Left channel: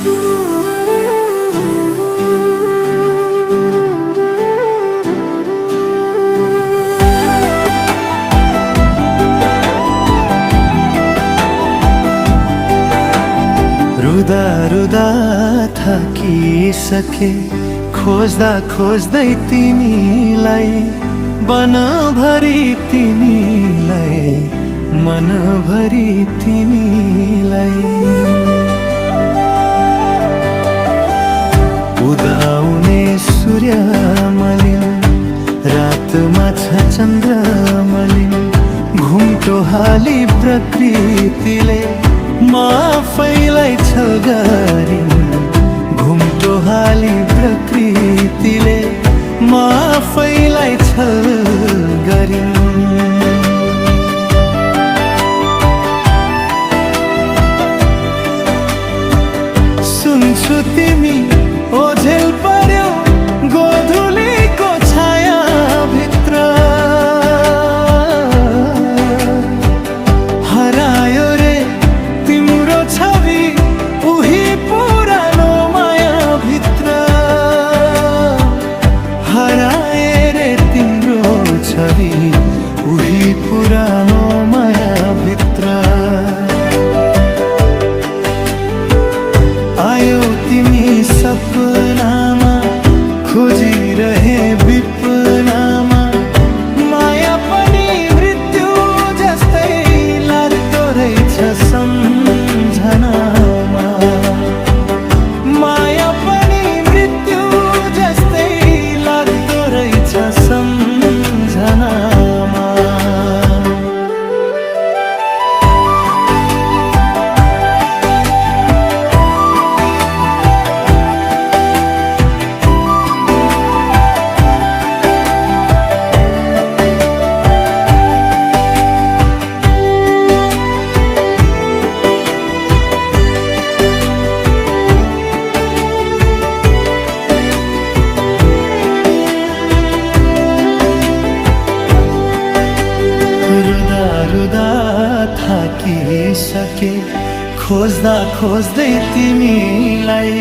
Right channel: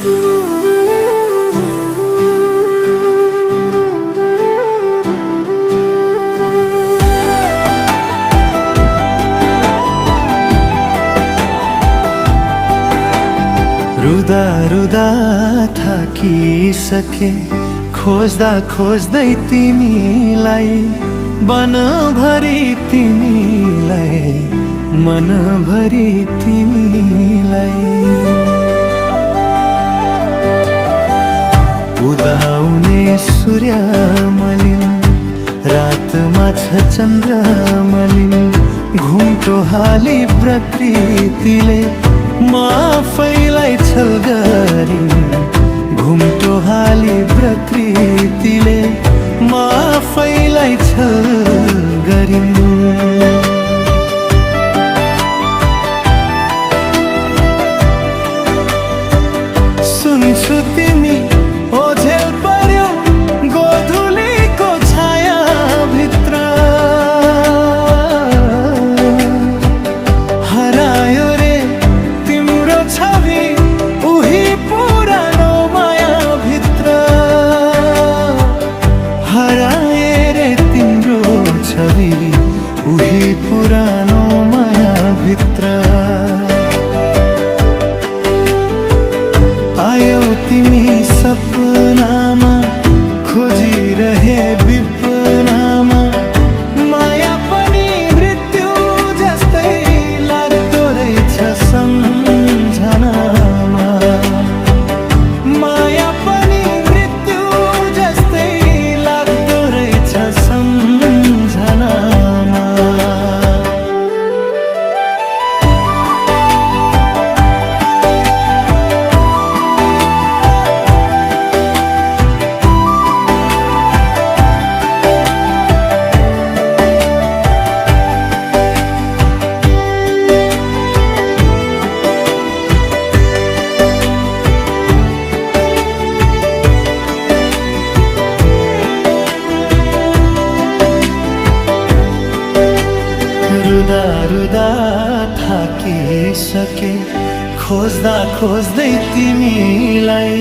रुदा रुदा थाकिसके खोज्दा खोज्दै तिमीलाई बनभरि तिमीलाई मनभरि तिमीलाई उदाउने सूर्य मलिन रातमा छ चन्द्र मलिन घुम्टो हाली प्रकृतिले म आफैलाई छल गरिन् घुम्टो हाली प्रकृतिले म आफैलाई छल गरिन् सुन्छु तिमी ओझेल पर्यौ गोधुलीको छाया भित्र हरायो रे तिम्रो छवि उही पुरानो माया भित्र हराए रे तिम्रो छवि उही पुरानो माया भित्र आयौ तिमी सपनामा खोजिरहे विपनामा माया पनि मृत्यु जस्तै लाग्दो रहेछ सम्झनामा माया पनि मृत्यु जस्तै लाग्दो रहेछ सम्झनामा रुदा रुदा थाकिसके खोज्दा खोज्दै तिमीलाई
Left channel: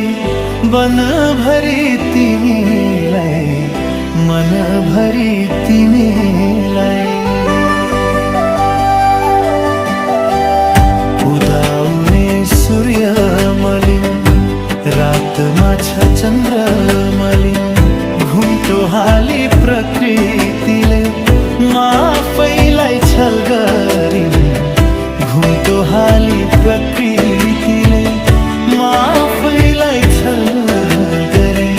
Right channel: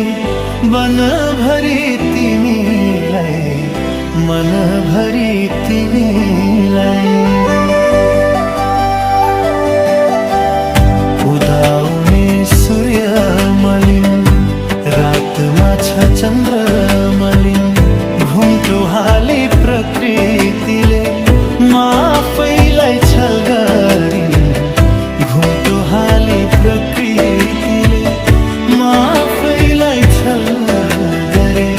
बनभरि तिमीलाई मनभरि तिमीलाई उदाउने सूर्य मलिन रातमा छ चन्द्र मलिन घुम्टो हाली प्रकृतिले म आफैलाई छल गरिन् घुम्टो हाली प्रकृतिले म आफैलाई छल गरिन्